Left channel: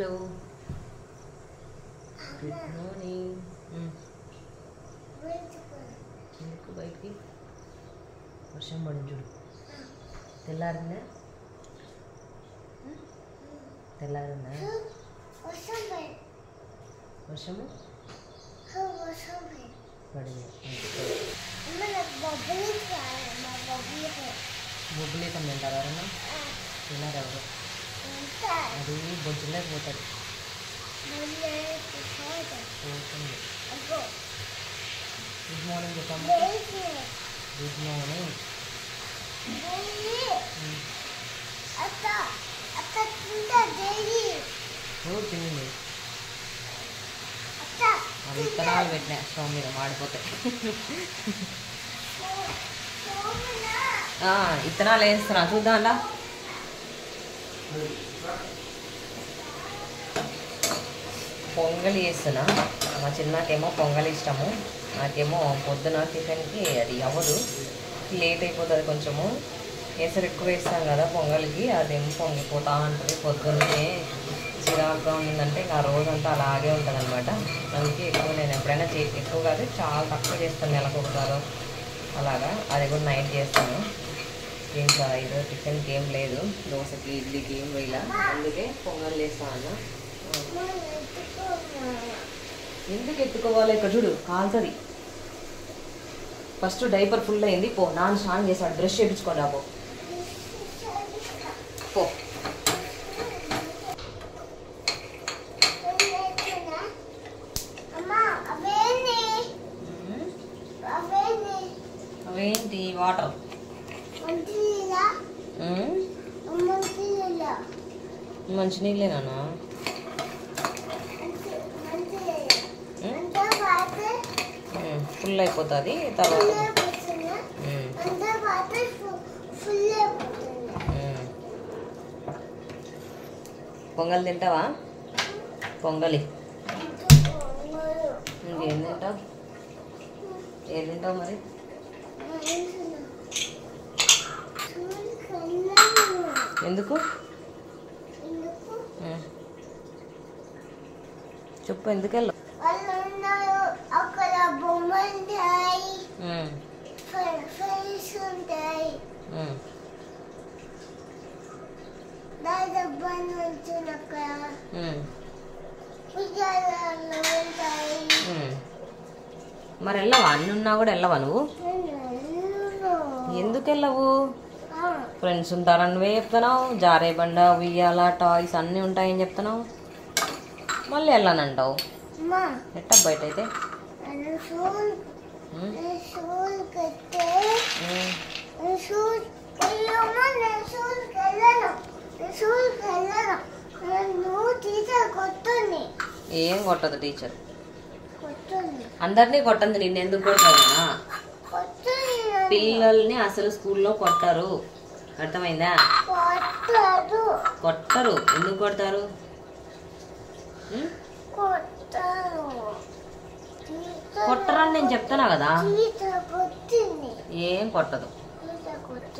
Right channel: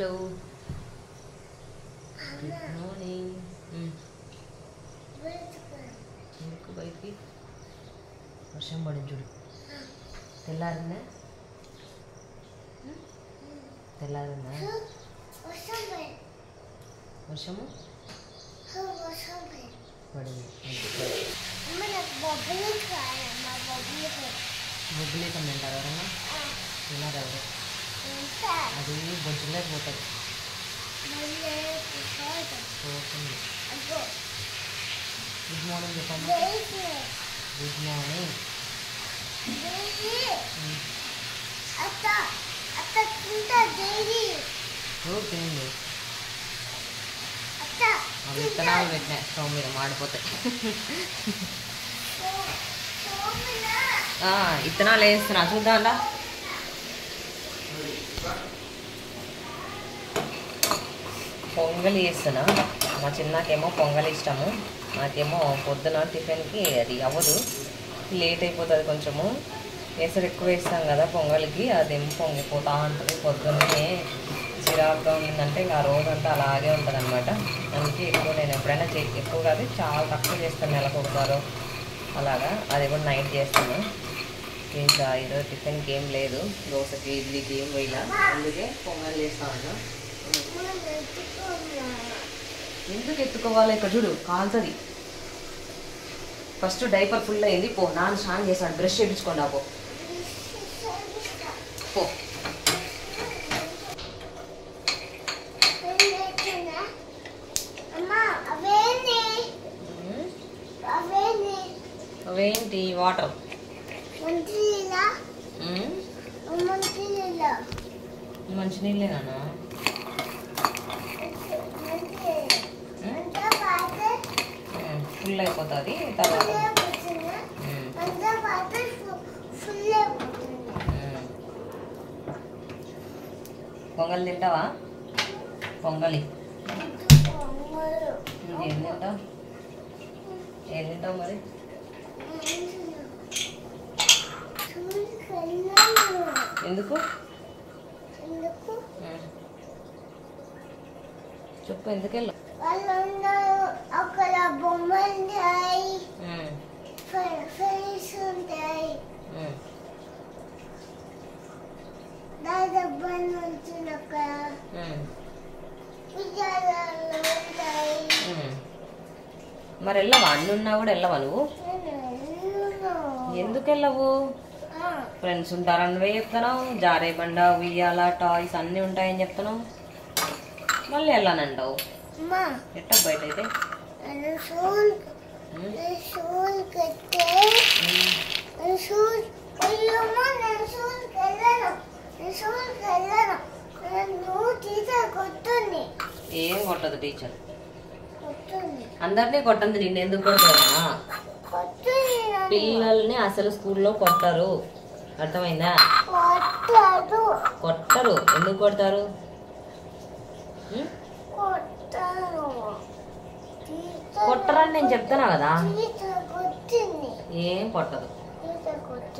Hello good morning. ఎందుకు బయటికి? వర్షం పడింది చూడు. తెల్లారిందా? తెల్లారిందా? వర్షము పడింది. బొబ్బులేకం తింటారు ఎవరన్నా? తిన్నారు ఎవరు? అది బొజ్జులోకి పోతుంది. పోతుంది. గుడ్ మార్నింగ్ చెప్పమ్మా. Good morning. ఎవరు తినండి? అవి విత్తనాలు పెట్టినా స్టవ్ మీద మాడిపోతాయి. విత్తనాలు వేస్తున్నా చూద్దాంలా. పొంగలి వేస్తున్నా. మా చిన్నకేమో పొంగలి ఇష్టము, నాకేమో పొద్దున టిఫిన్కి అది అవ్వదు, లేట్ అయిపోతుంది కొంచెము. కేసరి ఎక్కువ వేస్తాం కదా పొంగలికి, అదేమో పొంగిపోతూ ఉంటుంది. పొద్దున్నే చిరాకుగా ఉండిందంటే ఇంకా ఆ రోజంతా అలాగే ఉంటుంది అనమాట. అందుకే ఎక్కువ నేను ఎప్పుడైనా ఎక్కువ కాదు, చాలా తక్కువ చేస్తాను, నెలకు ఒకసారి అలాగా. అది కూడా నైట్ చేస్తాను. ఇంకా ఈరోజు టిఫిన్కి ఏం లేదు, దోశకి ఇడ్లీకి ఏం వేయాల, అందుకే పొంగల్ వేస్తాను. ఎందుకు ఎత్తుకోవాలి? ఇక్కడ చూడు కాలుతుంది. ఫస్ట్ డైపర్ ఫుల్ అయింది, పో నాన్న స్నానం చేశాడు, బ్రష్ చేయించుకోండి పో పో. అవేంటి? వాటర్ మంచినీళ్ళేనా? ఫుల్ అయిపోతుంది తర్వాత. పొంగల్ తింటావా? పొంగలి ఇంకేం తింటావు? ఏం తింటావు మరి? ఎందుకు చెప్పు, ఎందుకు వెళ్ళవు? అక్కడ బొమ్మలు ఉంటాయి, మరి వెళ్ళవా? అన్నున్నా కూడా వెళ్ళవా నువ్వు? ఎందుకు వెళ్ళవు? ఫ్రెండ్స్ ఉంటారని నువ్వే చెప్తున్నావు. జారే బండ, ఉయ్యాల, టాయ్స్ అన్నీ ఉంటాయని చెప్తున్నావు, మళ్ళీ వెళ్ళానంటావు. ఎట్టా బయట అయితే? ఏం కొట్టదు టీచర్, అందరినీ కొట్టంది, నిన్నెందుకు కొడతానా? పిల్లల్ని అసలు స్కూల్లో కొట్టరు, అర్థమైందా? కొట్టరు. ఎందుకు కొడతారు? కొట్టరని నేను చెప్తానా కదా. ఏం కొట్టదు,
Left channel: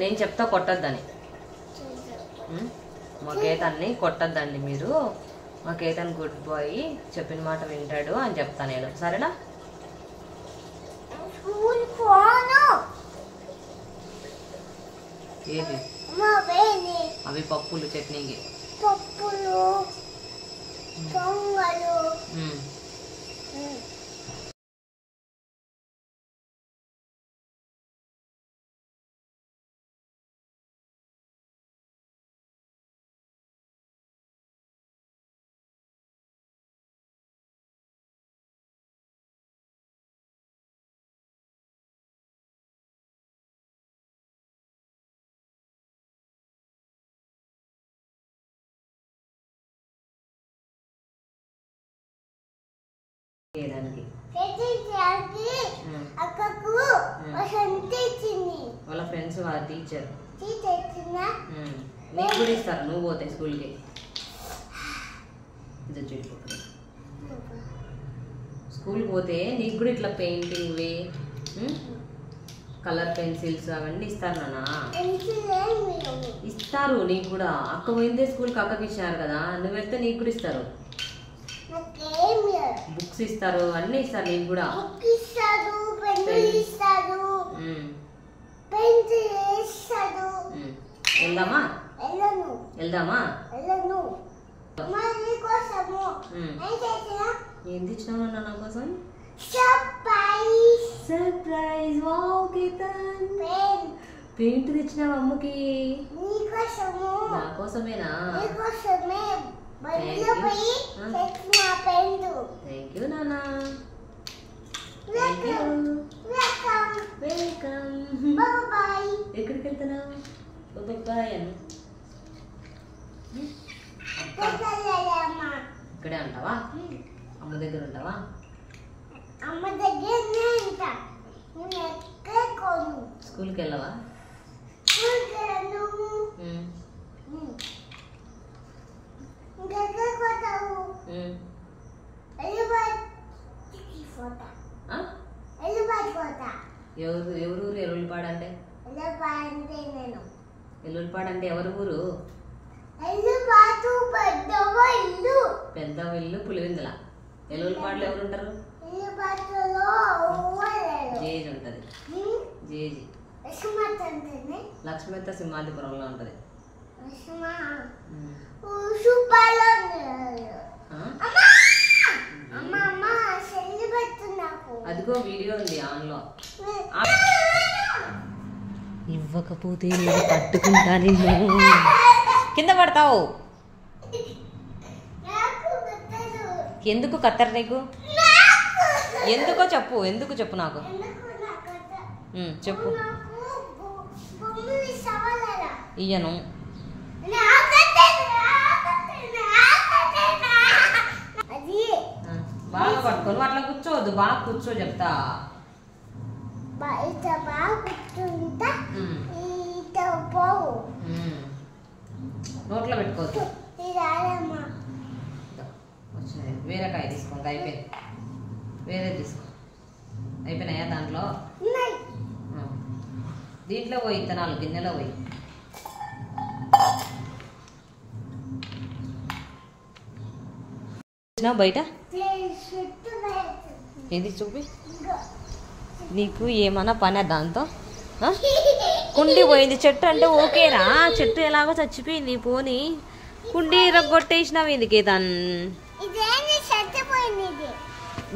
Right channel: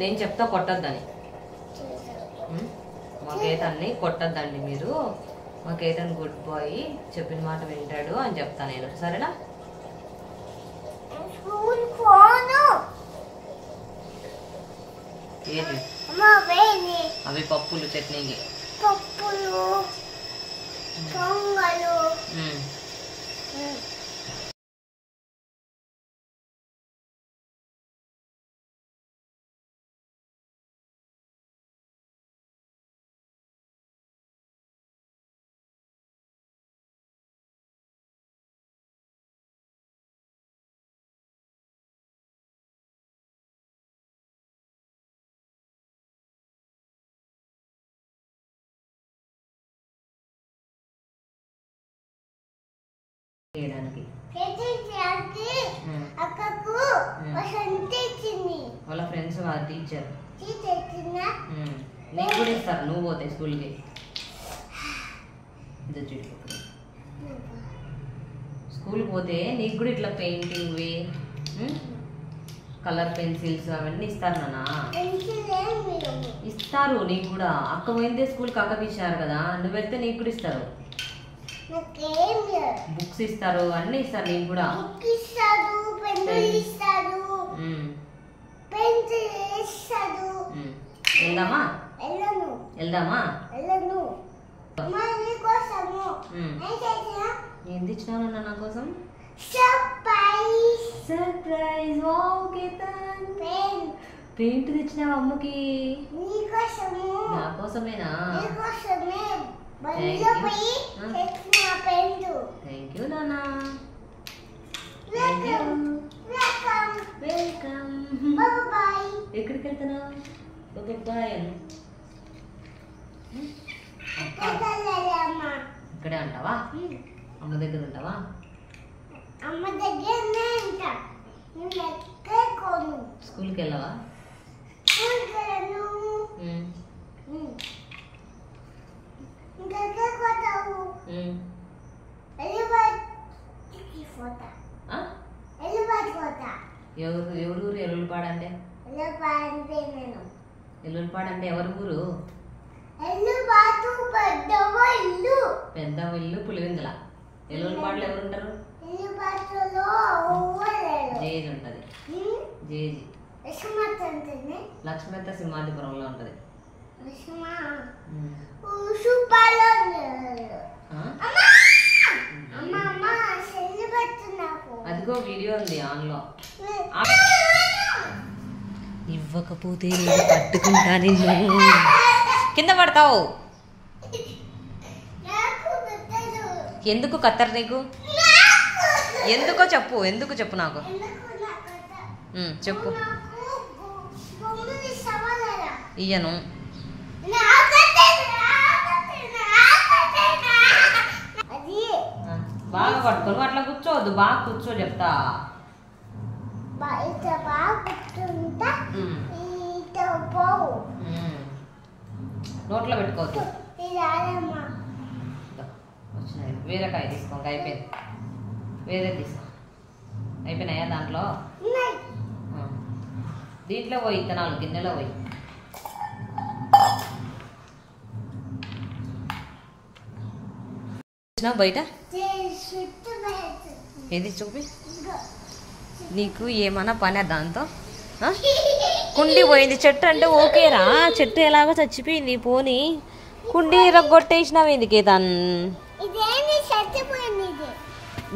నేను చెప్తా కొట్టద్దని. మా కేతన్ని కొట్టద్దండి మీరు, మా కేతన్ గుడ్ బాయ్, చెప్పిన మాట వింటాడు అని చెప్తా నేను, సరేనా? ఏంటి అవి? పప్పులు, చట్నీకి పప్పులు, పొంగలు. వాళ్ళ ఫ్రెండ్స్ వాళ్ళ టీచర్ నీకు కూడా ఇస్తారు నువ్వు పోతే స్కూల్కి. స్కూల్కి పోతే నీకు కూడా ఇట్లా పెయింటింగ్ కలర్ పెన్సిల్స్ అవన్నీ ఇస్తారు నాన్న. పెన్సిల్ ఏమి ఇస్తారు నీకు కూడా. అక్క పోయిందే స్కూల్కి, అక్కకి ఇచ్చారు కదా, నువ్వు వెళ్తే నీకు కూడా ఇస్తారు. నాకేమి బుక్స్ ఇస్తారు, అన్నీ ఇస్తారు నీకు కూడా. బుక్ ఇస్తారు, పెన్సిల్ ఇస్తారు, పెన్సిల్ ఇస్తారు. వెళ్దామా? వెళ్ళను వెళ్దామా? వెళ్ళను. మరి కోసము ఏం తెచ్చినావు నాన్న నా కోసం? Surprise. Surprise. Wow Ketan, pen paint తెచ్చినావు అమ్మకి. నీకోసము. నా కోసమేనా? నీకోసమే బండిలో పోయి తెచ్చిన పెన్. థ్యాంక్ యూ నాన్న. Welcome welcome welcome. బాయ్. ఎక్కడికి వెళ్తున్నావు? బాయ్ అని ఇక్కడే ఉంటావా? అమ్మ దగ్గర ఉంటావా? అమ్మ దగ్గరనే ఉంటా. నేను ఎక్కడ కోను. స్కూల్కి వెళ్ళవా? స్కూల్కి వెళ్ళను. ఇంకెక్కడ పోతావు? ఎల్లుబాటికి పోతా. ఎల్లుబాటి పోతా. ఎవరు ఎల్లుల్పాడు అంటే? ఎల్లుబాటి అంటే నేను. ఎల్లుల్పాడు అంటే ఎవరు ఊరు? ఎల్లుబాటు పెద్దవ ఇల్లు. పెద్ద ఇల్లు పులివెందుల. ఎల్లుల్పాడులో ఎవరు ఉంటారు? ఎల్లుబాటులో జేజీ ఉంటుంది. జేజీ లక్ష్మీత సింహాద్రిపురంలో ఉంటుంది. అదిగో వీడియో ఉంది ఆన్లో. ఇవ్వకపోతే నేను పట్టుకుంటా నిన్ను. కింద పడతావు. ఎందుకు కత్తర్ నీకు? ఎందుకో చెప్పు. ఎందుకు చెప్పు నాకు. చెప్పు. ఇయ్యను. బాగా పట్టుకొని అట్లా కూర్చోవద్దు. బాగా కూర్చో చెప్తా. నోట్లో పెట్టుకోవద్దు. వచ్చినాయి. వేరే కాయ తీసుకో. అయిపోయింది. వేరే తీసుకో. అయిపోయినాయా దాంట్లో? దీంట్లో పోయి ఇత్తనాలు గిన్నెలో పోయి. బయట ఏది చూపి. నీకు ఏమన్నా పని దాంతో? కుండి పోయింది. చెట్టు అంటే ఓకేరా. చెట్టు ఎలాగో చచ్చిపోయింది. పోని కుండి రగ్గొట్టేసినావు ఎందుకే దాన్ని?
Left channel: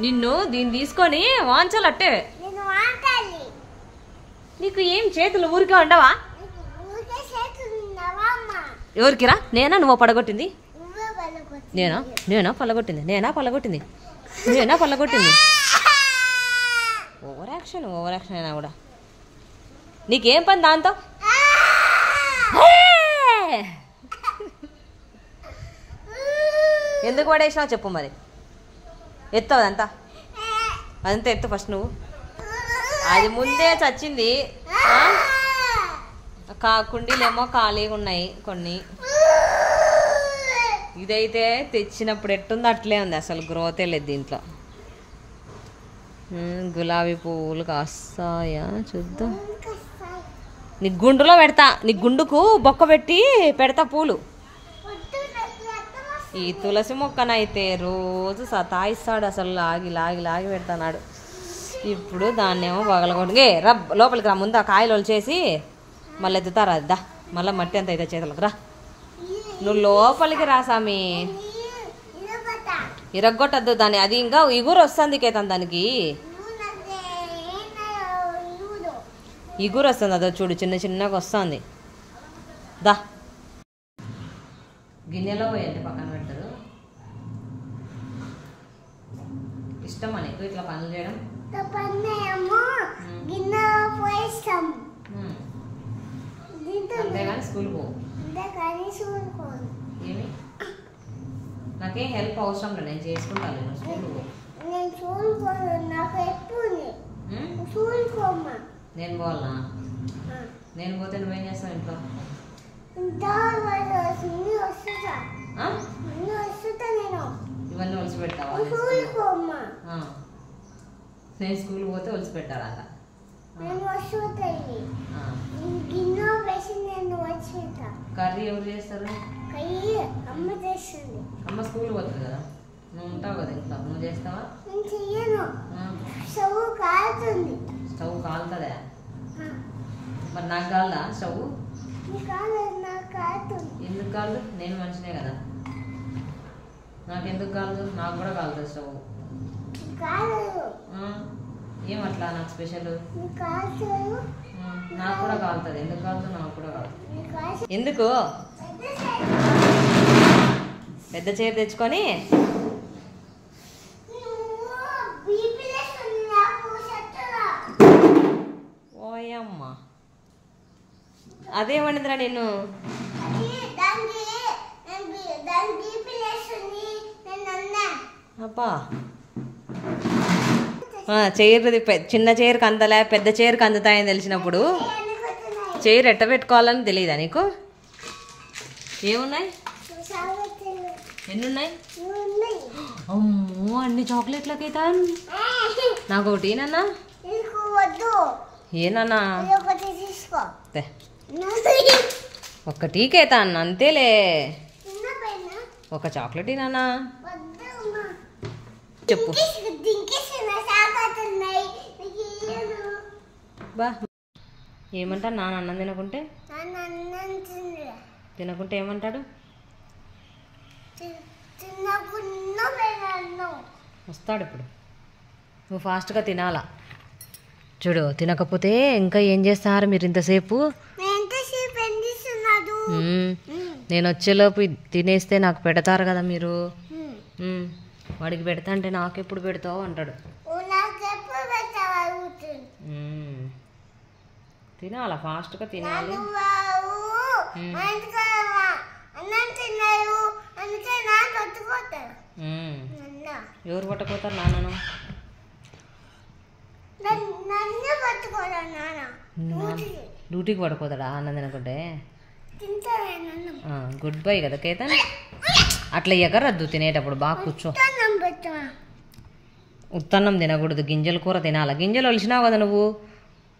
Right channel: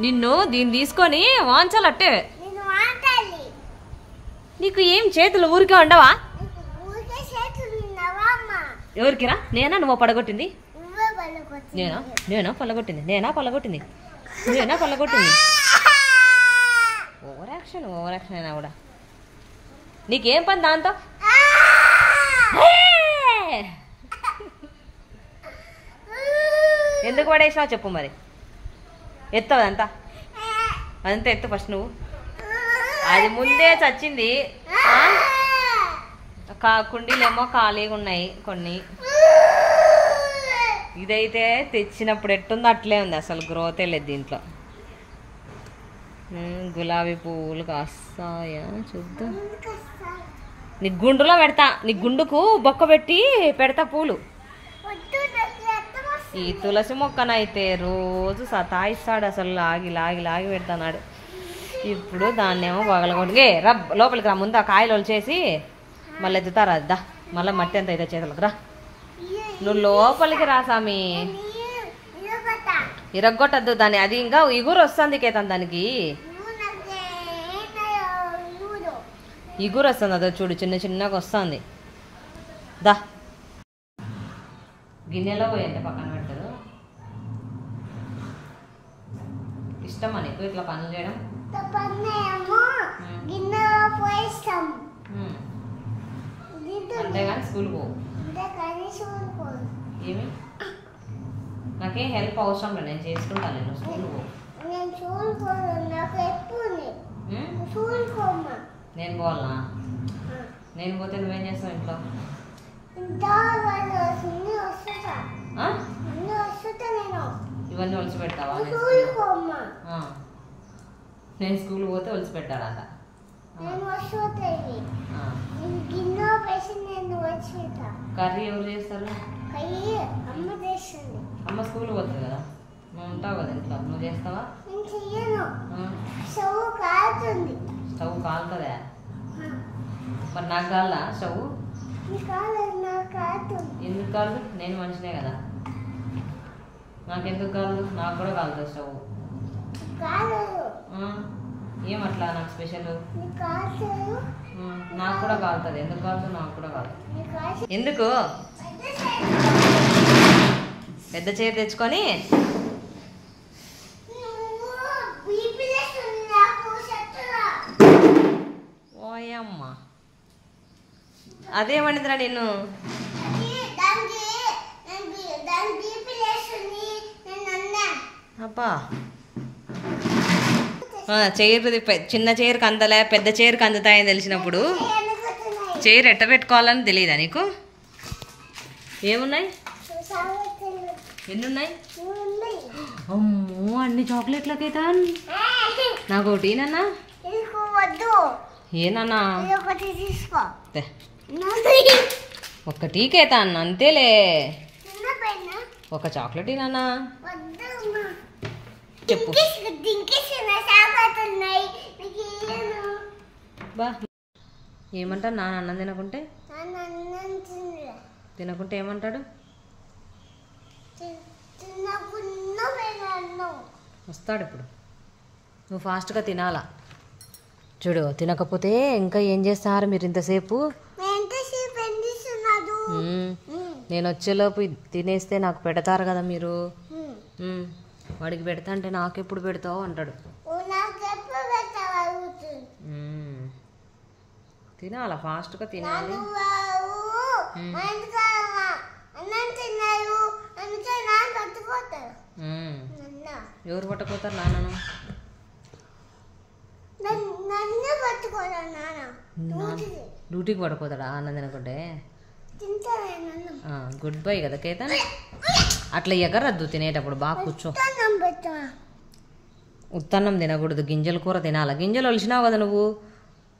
నిన్ను దీన్ని తీసుకొని వాంచాలట్టే. నీకు ఏం చేతులు ఊరికే ఉండవా? ఎవరికిరా? నేనా నువ్వు పడగొట్టింది? నేనా పల్లగొట్టింది? నేనా పల్లగొట్టింది? ఓవర్ యాక్షన్ అయినా కూడా. నీకేం పని దాంతో? ఎందుకు పడేసినావు చెప్పు మరి. ఎత్తావు అదంతా. అదంతా ఎత్తు ఫస్ట్ నువ్వు. అది ముందే చచ్చింది. కుండీలేమో ఖాళీగా ఉన్నాయి కొన్ని. ఇదైతే తెచ్చినప్పుడు ఎట్టుందో అట్లే ఉంది. అసలు గ్రోతే లేదు దీంట్లో. గులాబీ పువ్వులు కాస్తాయా చూద్దాం. నీ గుండులో పెడతా. నీ గుండుకు బొక్క పెట్టి పెడతా పూలు. ఈ తులసి మొక్కనైతే రోజు సతాయిస్తాడు. అసలు లాగి లాగి లాగి పెడతాడు. ఇప్పుడు దాన్నేమో పగలగొట్టి లోపలికి రా. ముందు ఆ కాయలు వచ్చేసి మళ్ళీ ఎత్తుతారా? దా మళ్ళీ మట్టి అంత అయితే చేతులకు రా. నువ్వు లోపలికి రా సామి. ఇరగొట్టద్దు దాన్ని. అది ఇంకా ఇగురు వస్తుంది కేతన్. దానికి ఇగురు వస్తుంది. అదో చూడు చిన్న చిన్నగా వస్తుంది. దా గిన్నెలో పోయంటే పక్కన పెట్టదు. ఇష్టమా నీకు ఇట్లా పనులు చేయడం? అంతేగాని స్కూల్ పోవు. ఏమి నాకేం హెల్ప్ అవసరం లేదు. నేను చేసుకుంటాను. నేను స్కూల్ పోవు. నేను పోవాలనా? నేను పోతే నువ్వేం చేస్తావు ఇంట్లో? ఇవన్నీ ఒలిసి పెడతావా? నేను స్కూల్ పోతే ఒలిసి పెట్టాడంట. నేను వస్తాయి గిన్నె వేసి నేను వచ్చేట కర్రీ ఎవరు చేస్తారు? కర్రీ అమ్మ చేస్తుంది. అమ్మ స్కూల్ పోతుంది కదా, నువ్వు ఉంటావు కదా ఇంట్లో, నువ్వు చేస్తావా? నేను చెయ్యను. స్టవ్ కాలుతుంది. స్టవ్ కాలుతుందా? మరి నాకు కాలదా స్టవ్? నీ కాలేదు, నాకు కాలుతుంది. ఎందుకు కాలదు? నేను మంచిదే కదా, నాకెందుకు కాలదు? నాకు కూడా కాలుతుంది స్టవ్. కాలేదు. ఏమట్లా నాకు స్పెషల్? నాకు కూడా కాలుతుంది. ఎందుకు కాలుతుంది? నాకు కూడా కాలుతుంది. ఎందుకు? పెద్ద చైర్ తెచ్చుకొని ఓయమ్మ అదేమనిదిరా నేను అబ్బా చైర్ చిన్న చైర్కి అందలే పెద్ద చైర్కి అందుతాయని తెలిసినప్పుడు చైర్ ఎట్ట పెట్టుకోవాలని తెలియదా నీకు? ఏమున్నాయి? ఎన్నున్నాయి? అమ్మో అన్ని చాక్లెట్లకైతే నాకు ఒకటి నాన్న. ఏనన్నా ఒక్కటీకైతా అన్న అంతేలే. ఒక చాక్లెట్ నాన్న చెప్పు. బా ఏమంటాడు నాన్న అన్నం తినకుంటే? తినకుంటే ఏమంటాడు? వస్తాడు ఇప్పుడు. నువ్వు ఫాస్ట్గా తినాలా. చూడు తినకపోతే ఇంకా ఏం చేస్తున్నారు మీరు ఇంతసేపు? నేను వచ్చేలోపు తినేస్తే నాకు పెడతారు కదా మీరు. వాడికి పెడతా అంటే నాకెప్పుడు పెడతావు అంటాడు. తినాలా ఫాస్ట్గా తినాలి. ఎవరు పట్టుకోతారు? నాన్నను. డ్యూటీకి పడుకోతాడా అన్నం తినకుంటే? గుడ్ బై కదా కేతన్. అట్లా ఎగరద్దు తినేటప్పుడు, బాగా కూర్చో. ఉత్తన్నం తినకూడదు, గింజల కూర తినాలి. గింజలు ఒలిసినావు కదా నువ్వు,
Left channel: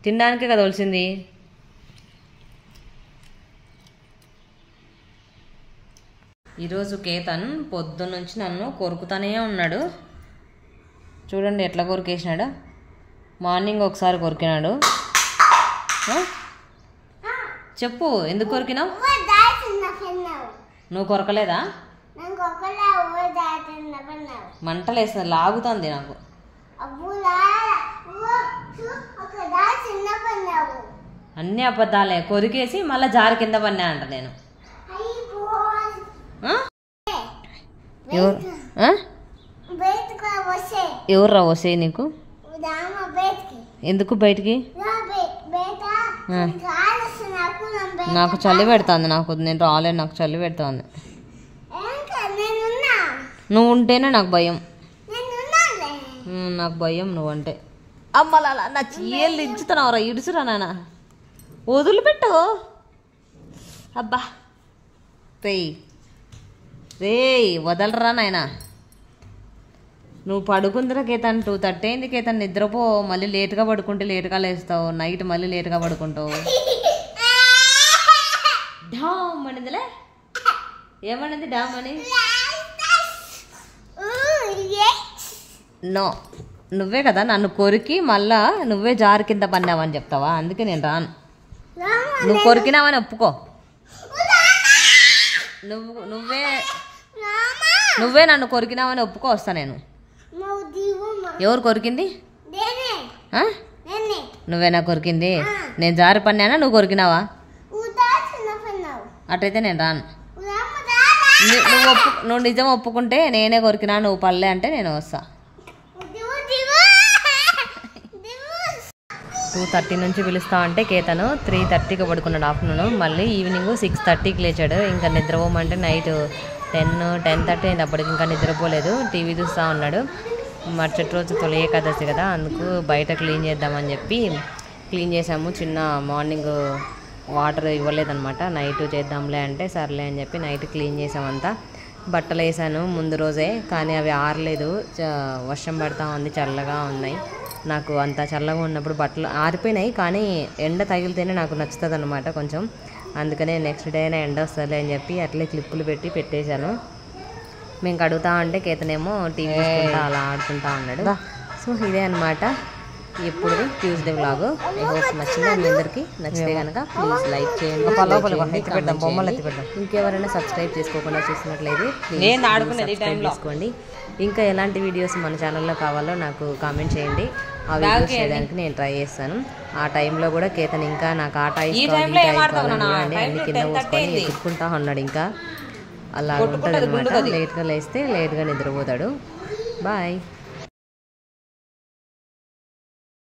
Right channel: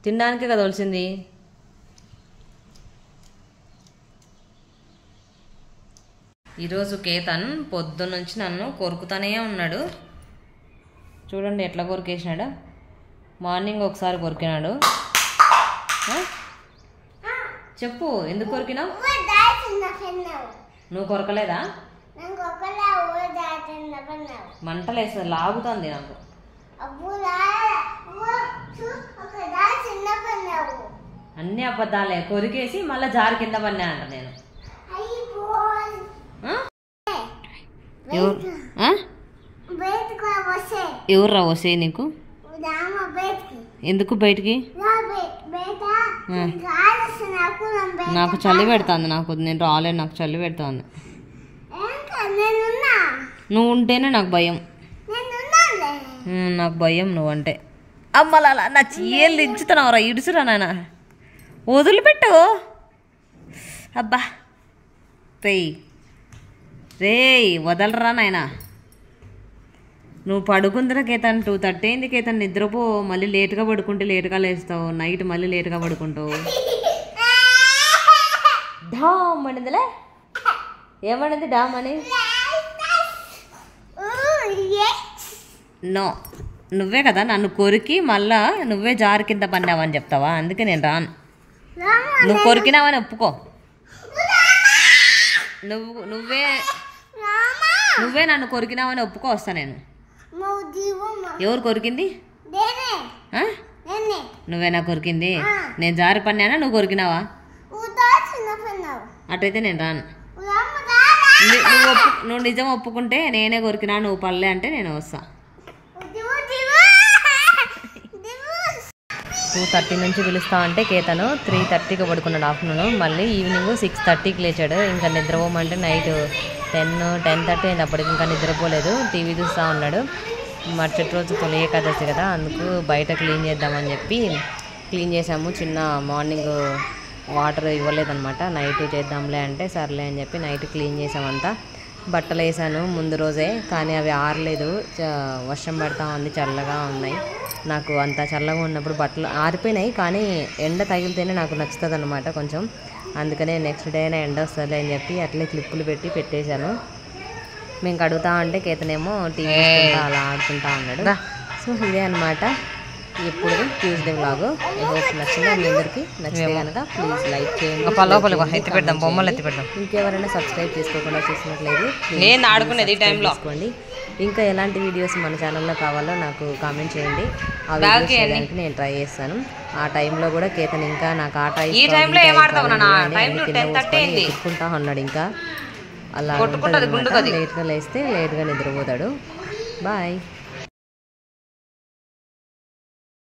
తినడానికే కదా ఒలిసింది. ఈరోజు కేతన్ పొద్దున్నుంచి నన్ను కొరుకుతానే ఉన్నాడు. చూడండి ఎట్లా కొరికేసినాడు. మార్నింగ్ ఒకసారి కొరికినాడు. చెప్పు ఎందుకు కొరికినావు? నువ్వు కొరకలేదా? మంటలేస్తుంది, లాగుతుంది నాకు. అన్ని అబద్ధాలే. కొరికేసి మళ్ళీ జారి కింద పన్నా అంట నేను. ఎవర్రా వసే నీకు? ఎందుకు బయటికి? నాకు చలి పెడుతుంది. నాకు నేను రాలేను, నాకు చలి పెడుతుంది. నువ్వు ఉంటేనే నాకు భయం. నాకు భయం నువ్వంటే. అమ్మలా నా చీయలు ఇచ్చుతున్నావురా, ఇడుచురా నాయన, వదిలిపెట్టు. అబ్బా రేయ్ వదలరా నాయన. నువ్వు పడుకుందిరా కేతన్, 2:30 అయింది కేతన్, నిద్రపో. మళ్ళీ లేట్గా పడుకుంటే లేట్గా లేస్తావు, నైట్ మళ్ళీ లేట్గా పడుకుంటావు. డామ్ అనిందిలే. ఏమనింది డామ్ అని? నో, నువ్వే కదా నన్ను కొరికి మళ్ళా నువ్వే జారి కింద పన్నావని చెప్తావా? అందుకే నేను రాను. నువ్వు కొరికినావని ఒప్పుకో. నువ్వే నన్ను కొరికినావని ఒప్పుకో, వస్తా నేను. ఎవరు కొరికింది? నువ్వేనా కొరికింది? నేను జారి పన్నానా, నువ్వు కొరికినావా? అటైతే నేను రాను. నువ్వు నిజం ఒప్పుకుంటే నేనే కొరికినా, నువ్వు పల్లె అంటే నేను వస్తా. 2:30 నుంచి పిలుస్తా అంటే కేతను 3:30కి పడుకున్నాడు ఆఫ్టర్నూన్. మళ్ళీ ఈవినింగ్ 6:30కి లేచాడు. ఇంకా నిద్రపోమంటే నైట్ 10-10:30 అయింది. అప్పటికి ఇంకా నిద్రపోలేదు, టీవీ చూస్తూ ఉన్నాడు. మరుసటి రోజు తొలి ఏకాదశి కదా, అందుకు బయట క్లీన్ చేద్దామని చెప్పి క్లీన్ చేసాము. చిన్న మార్నింగ్ వాటర్ ఇవ్వలేదన్నమాట, నైట్ చేద్దాంలే అంటే సర్లే అని చెప్పి నైట్ క్లీన్ చేసామంతా. బట్టలు వేసాను ముందు రోజే, కానీ అవి ఆరలేదు. వర్షం పడతా ఉంది, చల్లగా ఉన్నాయి. నాకు అంత చల్లగా ఉన్నప్పుడు బట్టలు ఆరిపోయినాయి, కానీ ఎండ తగిలితేనే నాకు నచ్చుతుంది అనమాట కొంచెం. అందుకనే నెక్స్ట్ డే అయినా ఎండ వస్తుంది అని చెప్పి అట్లే క్లిప్పులు పెట్టి పెట్టేశాను. మేము కడుగుతా ఉంటే కేతనేమో టీవీ చూసుకుంటా అలా ఆడుకుంటా ఉన్నాడు. సో ఇదే అనమాట ఇప్పుడు ట్యూస్డే వ్లాగ్. ఐ హోప్ నచ్చిందా మీ అందరికీ. నచ్చితే కనుక ప్లీజ్ లైక్ చేయండి, ఇంకెవరైనా సబ్స్క్రైబ్ చేసుకోకుండా చూసినట్లయితే చేసుకోండి. ఇంకా ఎలాంటి వీడియోస్ మన ఛానల్లో కావాలో నాకు కామెంట్ చేయండి. ఆ వీడియోస్ చేయడానికి నేను ట్రై చేస్తాను. ఆ టైంలో కూడా కేతన్ ఇంకా నాకు ఆట అన్ని కింద పోసుకొని ఎత్తుక్కుంటా ఉన్నాడు. ఇంకా అలా ఉంటుంది అనమాట. లేట్గా లేస్తే లేట్గా నిద్రపోతాడు. బాయ్.